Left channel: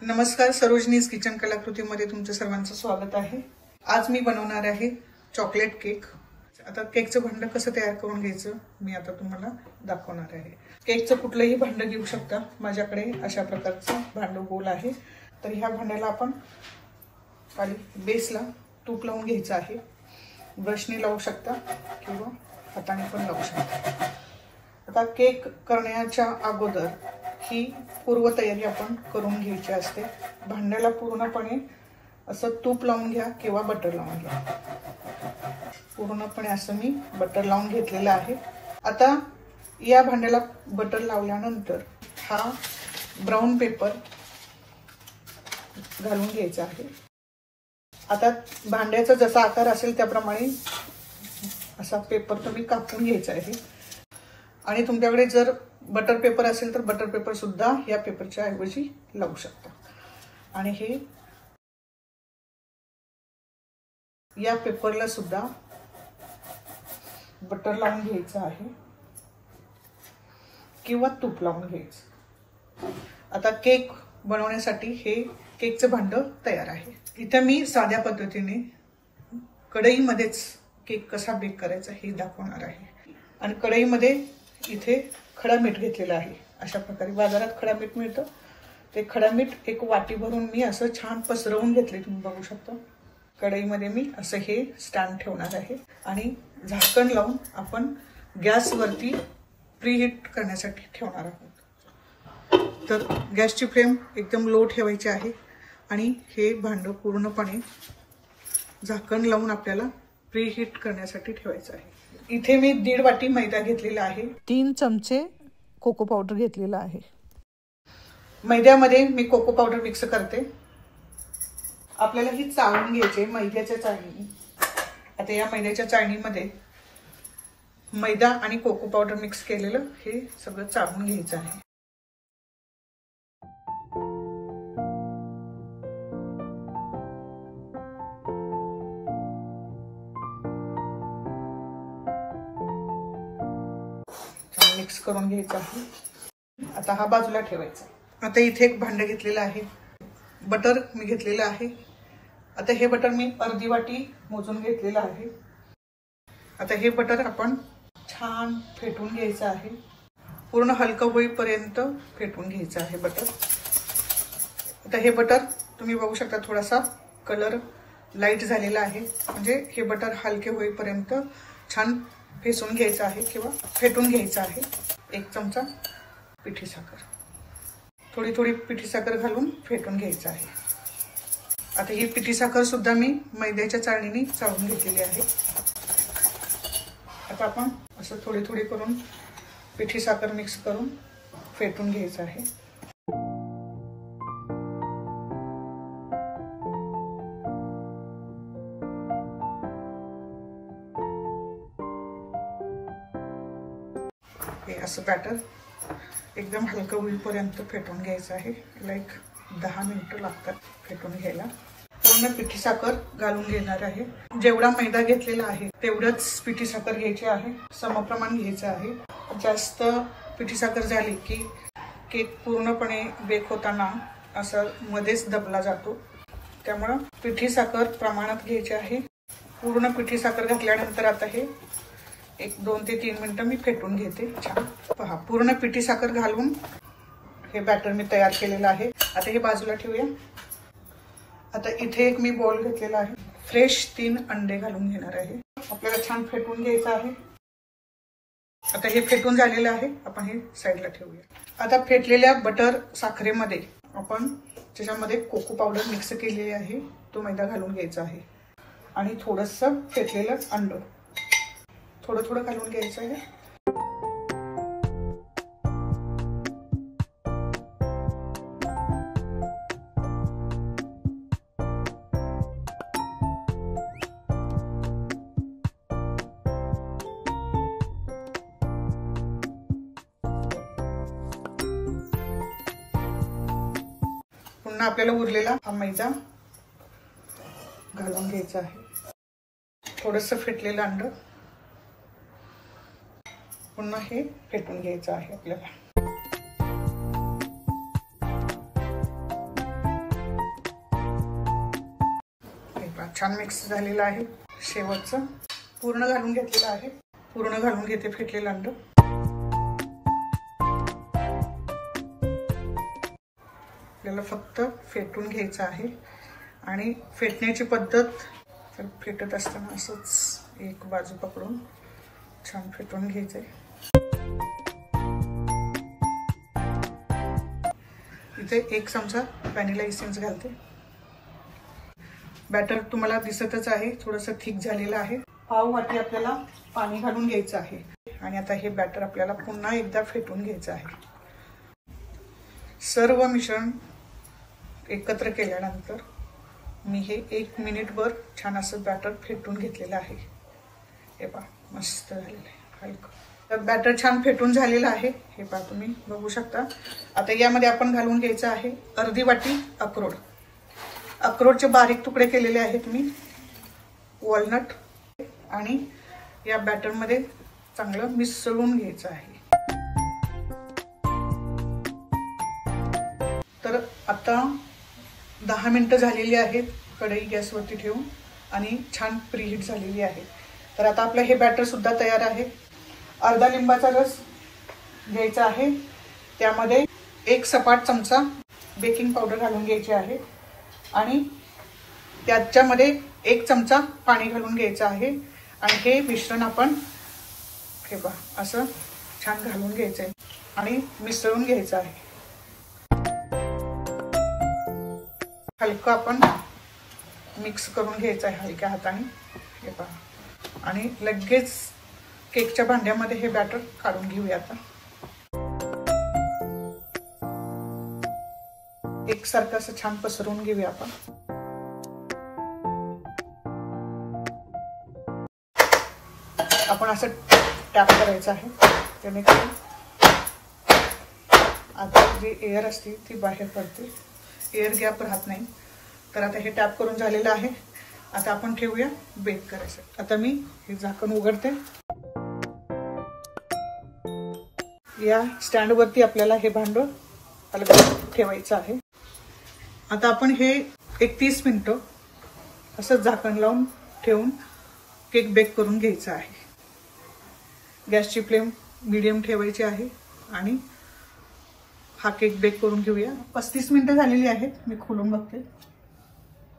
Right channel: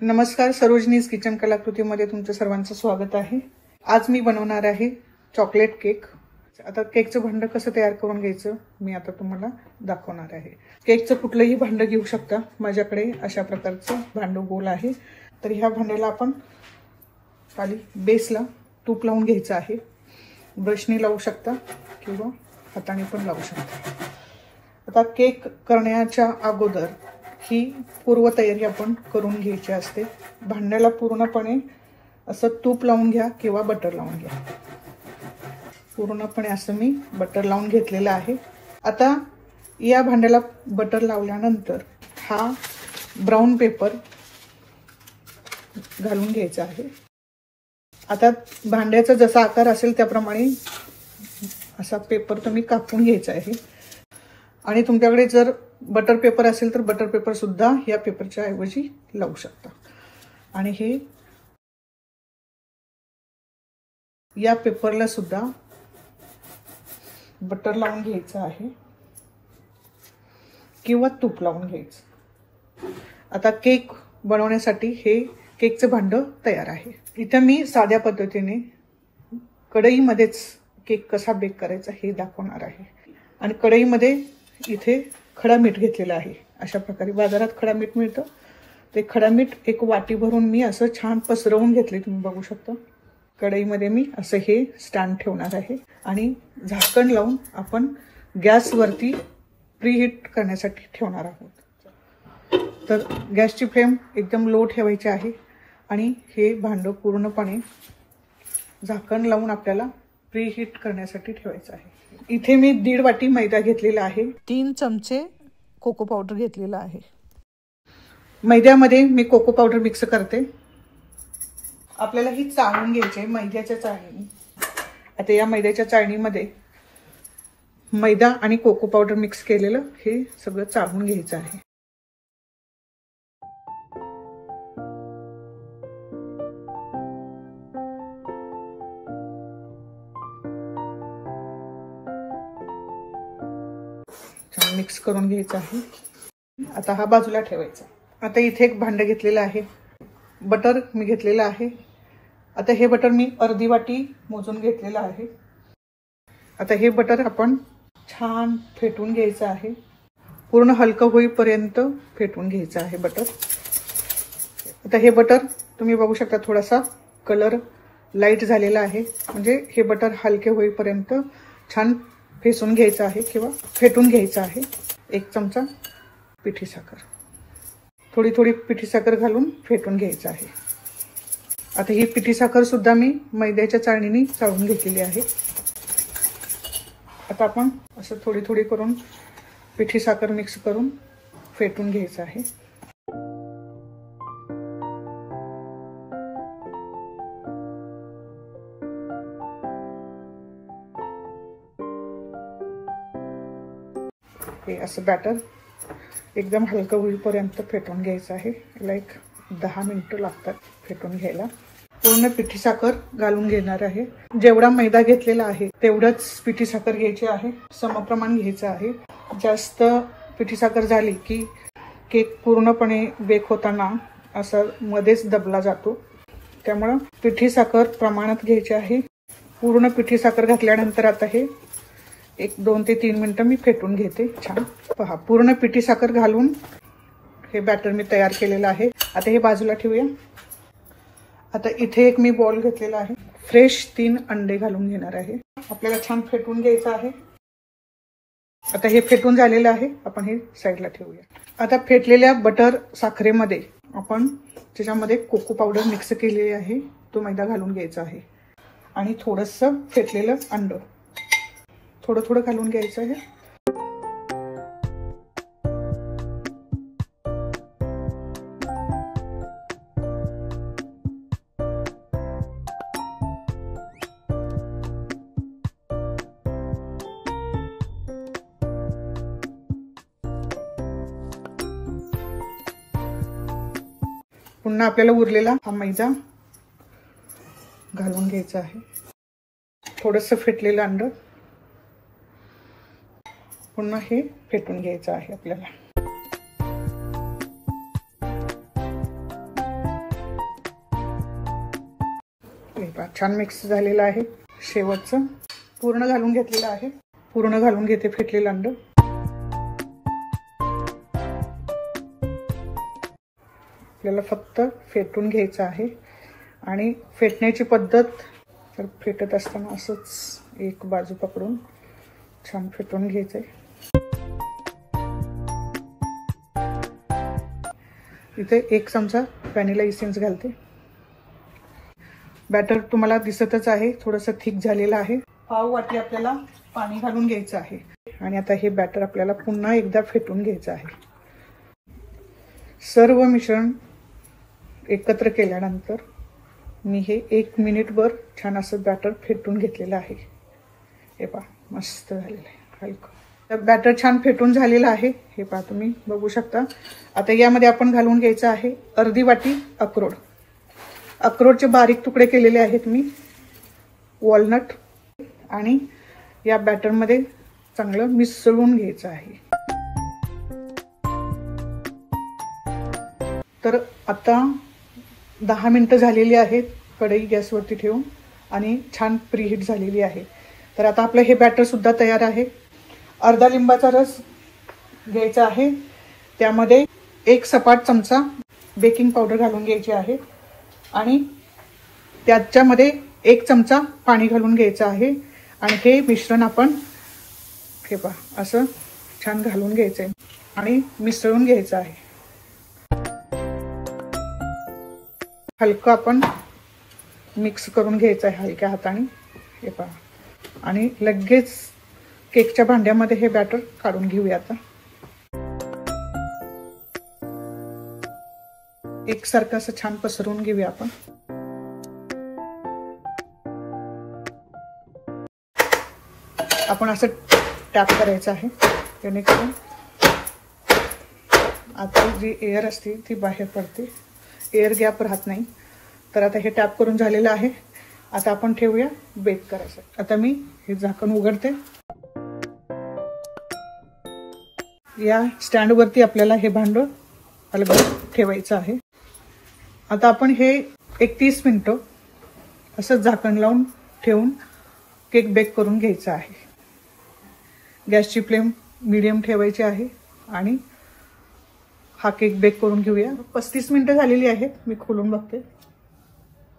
नमस्कार, सरोजनीज किचन कलाकृतीमध्ये तुमचं सर्वांचं स्वागत आहे। आज मी बनवणार आहे चॉकलेट केक। आता केकचं भांड कसं तयार करून घ्यायचं मी आता तुम्हाला दाखवणार आहे। केकचं कुठलंही भांड घेऊ शकता, माझ्याकडे अशा प्रकारचं भांड गोल आहे। तर ह्या भांड्याला आपण खाली बेसला तूप लावून घ्यायचं आहे। ब्रशने लावू शकता किंवा हाताने पण लावू शकता। आता केक करण्याच्या अगोदर ही पूर्वतयारी आपण करून घ्यायची असते। भांड्याला पूर्णपणे असं तूप लावून घ्या किंवा बटर लावून घ्या। पूर्णपणे असं मी बटर लावून घेतलेलं आहे। आता या भांड्याला बटर लावल्यानंतर हा ब्राऊन पेपर घालून घ्यायचा आहे। आता भांड्याचा जसा आकार असेल त्याप्रमाणे असा पेपर तुम्ही कापून घ्यायचा आहे। आणि तुमच्याकडे जर बटर पेपर असेल तर बटर पेपर सुद्धा या पेपरच्या ऐवजी लावू शकता। आणि हे या पेपरला सुद्धा बटर लावून घ्यायचं आहे किंवा तूप लावून घ्यायचं। आता केक बनवण्यासाठी हे केकचं भांड तयार आहे। इथे मी साध्या पद्धतीने कढईमध्येच केक कसा बेक करायचा हे दाखवणार आहे। आणि कढईमध्ये इथे खडा मीठ घेतलेला आहे। अशा प्रकारे बाजारात खडा मीठ मिळतं, ते खडा मीठ एक वाटी भरून मी असं छान पसरवून घेतले, तुम्ही बघू शकता। कढईमध्ये मी असं हे स्टँड ठेवणार आहे आणि झाकण लावून आपण गॅसवरती प्रीहीट करण्यासाठी ठेवणार आहोत। तर गॅसची फ्लेम एकदम लो ठेवायची आहे आणि हे भांडं पूर्णपणे झाकण लावून आपल्याला प्रीहीट करण्यासाठी ठेवायचं आहे। इथे मी 1.5 वाटी मैदा घेतलेला आहे। 3 चमचे कोको पावडर घेतलेला आहे। मैद्यामध्ये मी कोको पावडर मिक्स करते। आपल्याला ही चाळून घ्यायची मैद्याच्या चाळणीने। आता या मैद्याच्या चाळणीमध्ये मैदा आणि कोको पावडर मिक्स केलेलं हे सगळं चाळून घ्यायचं आहे। मिक्स करून घ्यायचं आहे। आता हा बाजूला ठेवायचा। आता इथे एक भांड घेतलेलं आहे, बटर मी घेतलेलं आहे। आता हे बटर मी अर्धी वाटी मोजून घेतलेलं आहे। आता हे बटर आपण छान फेटून घ्यायचं आहे, पूर्ण हलकं होईपर्यंत फेटून घ्यायचं आहे बटर। आता हे बटर तुम्ही बघू शकता, थोडासा कलर लाईट झालेला आहे, म्हणजे हे बटर हलके होईपर्यंत छान फेसून घ्यायचं आहे किंवा फेटून घ्यायचं आहे। 1 चमचा पिठी साखर, थोडी थोडी पिठी साखर घालून फेटून घ्यायचं आहे। आता ही पिठी साखर सुद्धा मी मैद्याच्या चाळणीने चाळून घेतलेली आहे। आता आपण असं थोडी थोडी करून पिठी साखर मिक्स करून फेटून घ्यायचं आहे। असं बॅटर एकदम हलकं होईपर्यंत फेटून घ्यायचं आहे। लाईक 10 मिनिटं लागतात फेटून घ्यायला। पूर्ण पिठी साखर घालून घेणार आहे। जेवढा मैदा घेतलेला आहे तेवढंच पिठी साखर घ्यायची आहे, समप्रमाण घ्यायचं आहे। जास्त पिठी साखर झाली की केक पूर्णपणे बेक होताना असं मध्येच दबला जातो, त्यामुळे पिठी साखर प्रमाणात घ्यायची आहे। पूर्ण पिठी साखर घातल्यानंतर आता हे 2 ते 3 मिनिटं मी फेटून घेते छान। पहा, पूर्ण पिठी साखर घालून हे बॅटर मी तयार केलेलं आहे। आता हे बाजूला ठेवूया। आता इथे एक मी बॉल घेतलेला आहे, फ्रेश 3 अंडे घालून घेणार आहे। आपल्याला छान फेटून घ्यायचं आहे। आता हे फेटून झालेलं आहे, आपण हे साईडला ठेवूया। आता फेटलेल्या बटर साखरेमध्ये आपण त्याच्यामध्ये कोको पावडर मिक्स केलेली आहे, तो मैदा घालून घ्यायचा आहे आणि थोडंसं फेटलेलं अंड थोडं थोडं घालून घ्यायचं आहे। पुन्हा आपल्याला उरलेला हा मैदा घालून घ्यायचा आहे। थोडंसं फेटलेलं अंड पुन्हा हे फेटून घ्यायचं आहे आपल्याला। छान मिक्स झालेलं आहे. शेवटचं पूर्ण घालून घेतलेलं आहे. पूर्ण घालून घेते फेटलेलं अंड. आपल्याला फक्त फेटून घ्यायचं आहे आणि फेटण्याची पद्धत तर फेटत असताना असंच एक बाजू पकडून छान फेटून घ्यायचंय. इथे 1 चमचा व्हॅनिला इसेन्स घालते. बॅटर तुम्हाला दिसतच आहे, थोडंसं थिक झालेलं आहे. पाव वाटी आपल्याला पाणी घालून घ्यायचं आहे आणि आता हे बॅटर आपल्याला पुन्हा एकदा फेटून घ्यायचं आहे. सर्व मिश्रण एकत्र केल्यानंतर मी हे 1 मिनिटभर छान असं बॅटर फेटून घेतलेलं आहे. हे पहा मस्त झालेलं आहे. हलकं बॅटर छान फेटून झालेलं आहे. हे पहा तुम्ही बघू शकता. आता यामध्ये आपण घालून घ्यायचं आहे अर्धी वाटी अक्रोड. अक्रोडचे बारीक तुकडे केलेले आहेत मी. वॉलनट आणि या बॅटरमध्ये चांगलं मिसळून घ्यायचं आहे. तर आता 10 मिनिटं झालेली आहेत. कढई गॅसवरती ठेवून आणि छान प्रीहीट झालेली आहे. तर आता आपलं हे बॅटर सुद्धा तयार आहे. अर्धा लिंबाचा रस घ्यायचा आहे. त्यामध्ये 1 सपाट चमचा बेकिंग पावडर घालून घ्यायची आहे आणि त्याच्यामध्ये 1 चमचा पाणी घालून घ्यायचं आहे आणि हे मिश्रण आपण हे पहा असं छान घालून घ्यायचंय आणि मिसळून घ्यायचं आहे. हलकं आपण मिक्स करून घ्यायचं आहे हलक्या हाताने. हे पहा आणि लगेच केकच्या भांड्यामध्ये हे बॅटर काढून घेऊया. आता एकसारखं असं छान पसरवून घेऊया आपण. आपण असं टॅप करायचं आहे जेणेकरून आता जी एअर असते ती बाहेर पडते, एअर गॅप राहत नाही. तर आता हे टॅप करून झालेलं आहे. आता आपण ठेवूया बेक करायचं. आता मी हे झाकण उघडते. या स्टँडवरती आपल्याला हे भांड अलगद ठेवायचं आहे. आता आपण हे 30 मिनिटं असं झाकण लावून ठेवून केक बेक करून घ्यायचा आहे. गॅसची फ्लेम मीडियम ठेवायची आहे आणि हा केक बेक करून घेऊया. 35 मिनिटं झालेली आहेत. मी खोलून बघते.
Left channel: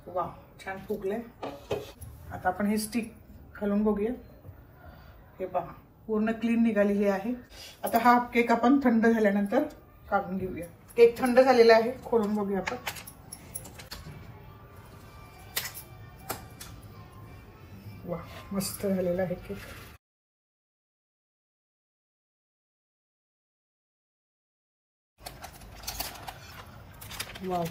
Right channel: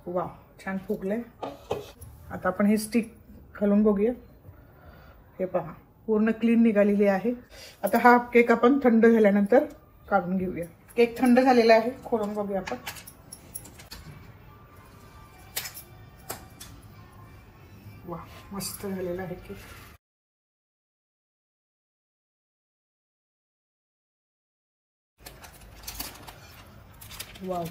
वा छान फुगलंय. आता आपण हे स्टिक घालून बघूया. हे पहा पूर्ण क्लीन निघालेली आहे. आता हा केक आपण थंड झाल्यानंतर काढून घेऊया. केक थंड झालेला आहे. खोलून बघूया आपण. वा मस्त झालेला आहे केक. वाव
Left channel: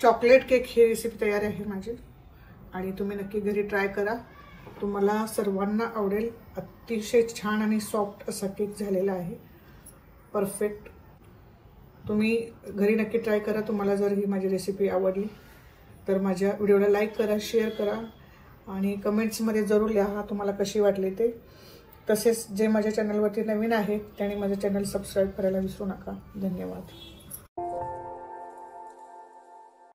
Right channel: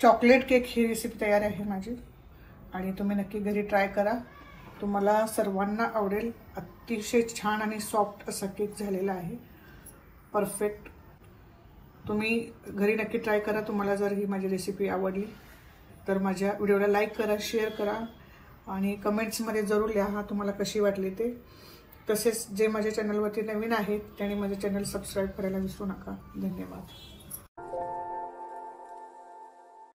चॉकलेट केक ही रेसिपी तयार आहे माझी आणि तुम्ही नक्की घरी ट्राय करा. तुम्हाला सर्वांना आवडेल. अतिशय छान आणि सॉफ्ट असा केक झालेला आहे. परफेक्ट. तुम्ही घरी नक्की ट्राय करा. तुम्हाला जर ही माझी रेसिपी आवडली तर माझ्या व्हिडिओला लाईक करा, शेअर करा आणि कमेंट्समध्ये जरूर लिहा तुम्हाला कशी वाटली ते. तसेच जे माझ्या चॅनलवरती नवीन आहेत त्यांनी माझं चॅनल सबस्क्राईब करायला विसरू नका. धन्यवाद.